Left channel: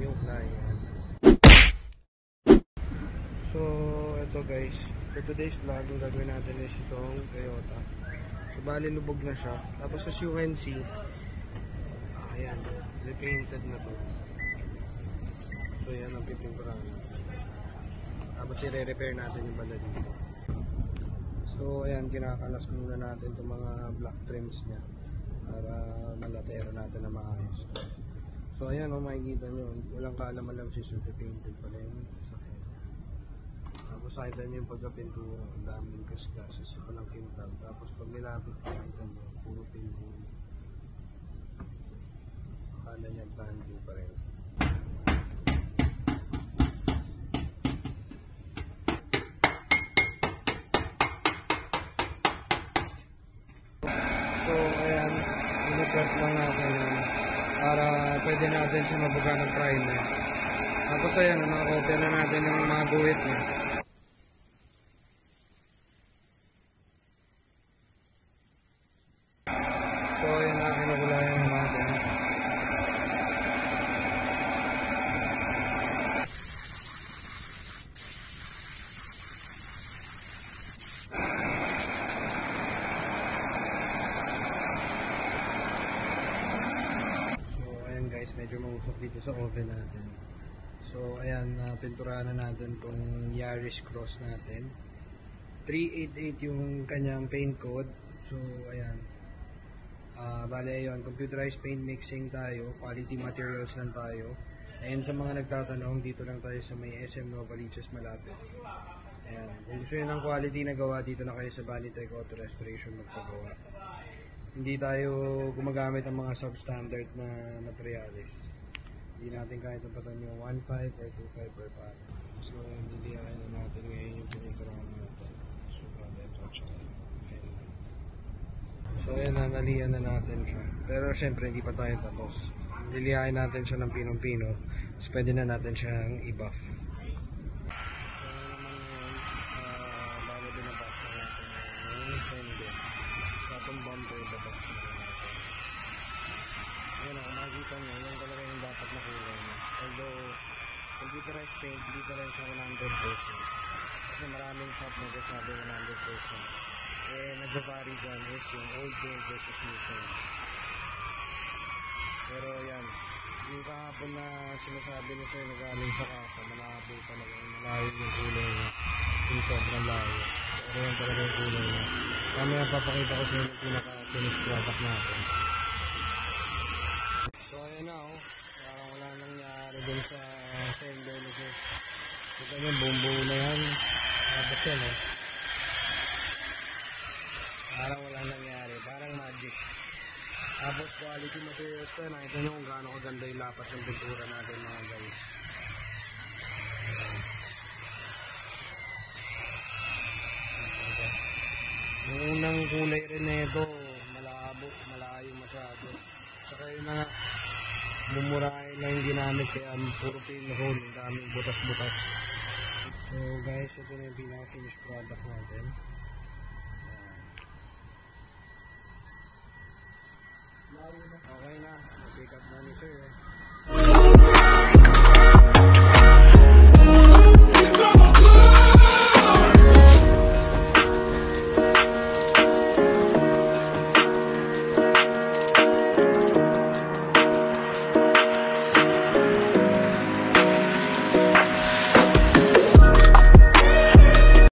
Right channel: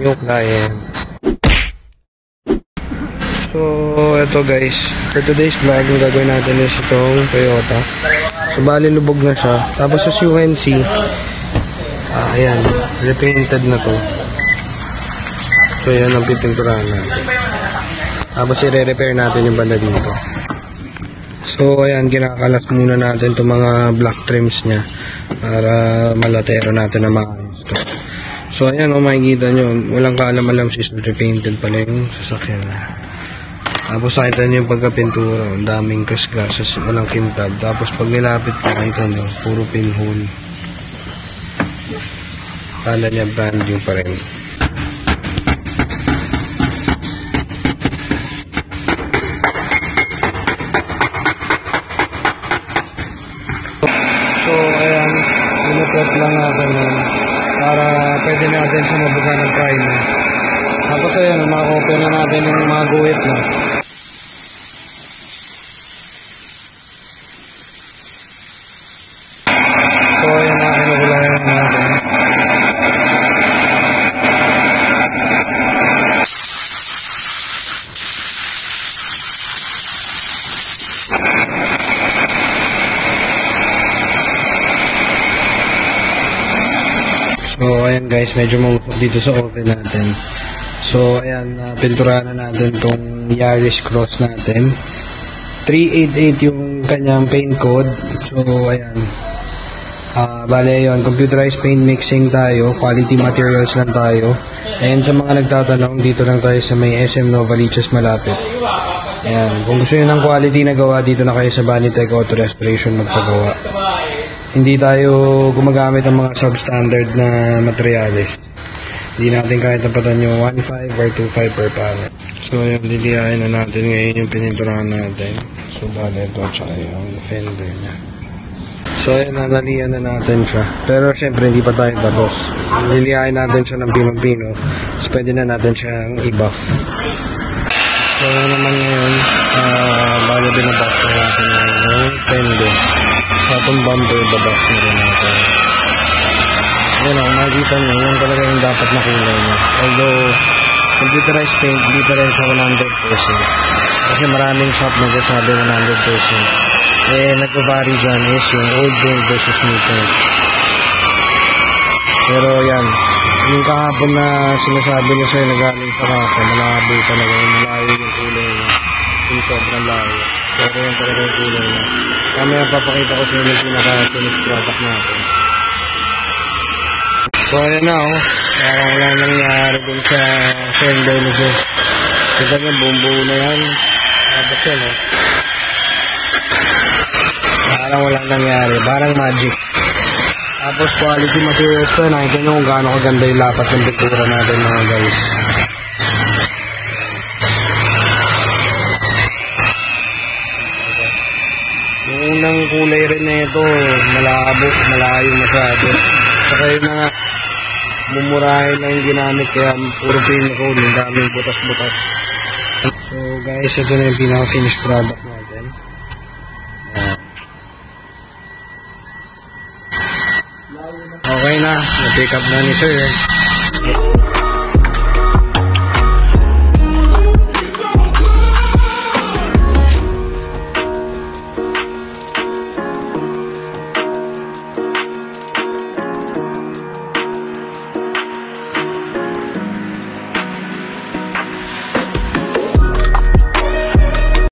new client. So, eto guys, for today's vlog, yung gagawin natin is itong Toyota. So, bali lubog na siya. Tapos as you can see, ayan, repainted na to. So, yan ang pipinturahan natin. Tapos, i-repair natin yung banda dito. So, ayan, kinakalas muna natin itong mga black trims niya para malatero natin na maayos to. So, ayan, makikita nyo, walang kaalam-alam sis, repainted pala yung sasakyan. Tapos, nakita nyo yung pagkapintura, ang daming kasgasas, walang kintab. Tapos, pag nilapit ko, nakita nyo, puro pinhole. Kala niya brand new pa rin. So, ayan, pinuprep lang natin yun para pwede natin siya mabuga ng primer. Tapos, ayan, makakopya na natin yung mga guhit na. So, ayan na, kinukulayan natin. So, ayan guys, medyo mausok dito sa oven natin. So, ayan, pinturahan na natin tong Yaris Cross natin. 388 yung kanyang paint code. So, ayan. Bale, yun, computerized paint mixing tayo. Quality materials lang tayo. Ayan, sa mga nagtatanong, dito lang tayo sa may SM Novaliches malapit. Ayan, kung gusto nyo ng quality na gawa, dito na kayo sa Banitech Auto Restoration magpagawa. Hindi tayo gumagamit ng mga substandard na materials. Hindi natin kahit napatan yung 1.5 or 2.5 per panel. So, yung liliyain na natin ngayon yung pininturahan natin. So, bale ito at saka yung fender niya. So, ayan, nalaliyan na natin siya. Pero, syempre, hindi pa tayo tapos. Liliyain natin siya ng pinong-pino. So, pwede na natin siyang i-buff. So, naman ngayon, bale binabuff na natin yung fender. Sa itong bumper, babuff na rin natin. Ayan o, makikita nyo, yan talaga yung dapat na kulay niya. Although, computerized paint, hindi pa rin siya 100%. Kasi maraming shop nagsasabi 100%. Nagpa-vary dyan is yung old paint versus new paint. Pero yan, yung kahapon na sinasabi niya sa'yo na galing sa kasa, malabo talaga yung malayo yung kulay niya. Yung sobrang layo. Pero yan talaga yung kulay niya. Kami papakita ko sa inyo yung pinaka-finished product natin. So ayan na oh, parang wala nangyari dun sa fender nito. Kita nyo, buong-buo na yan. Tapos yan oh. Parang walang nangyari, parang magic. Tapos quality materials to, nakita nyo kung gaano kaganda yung lapat ng pintura natin mga guys. Yung unang kulay rin na ito, malabo, malayo masyado. Saka yun na nga, mumurahin na yung ginamit kaya puro pinakul, yung daming butas-butas. So guys, ito na yung pinaka-finished product natin. Okay na, na-pick up na ni sir.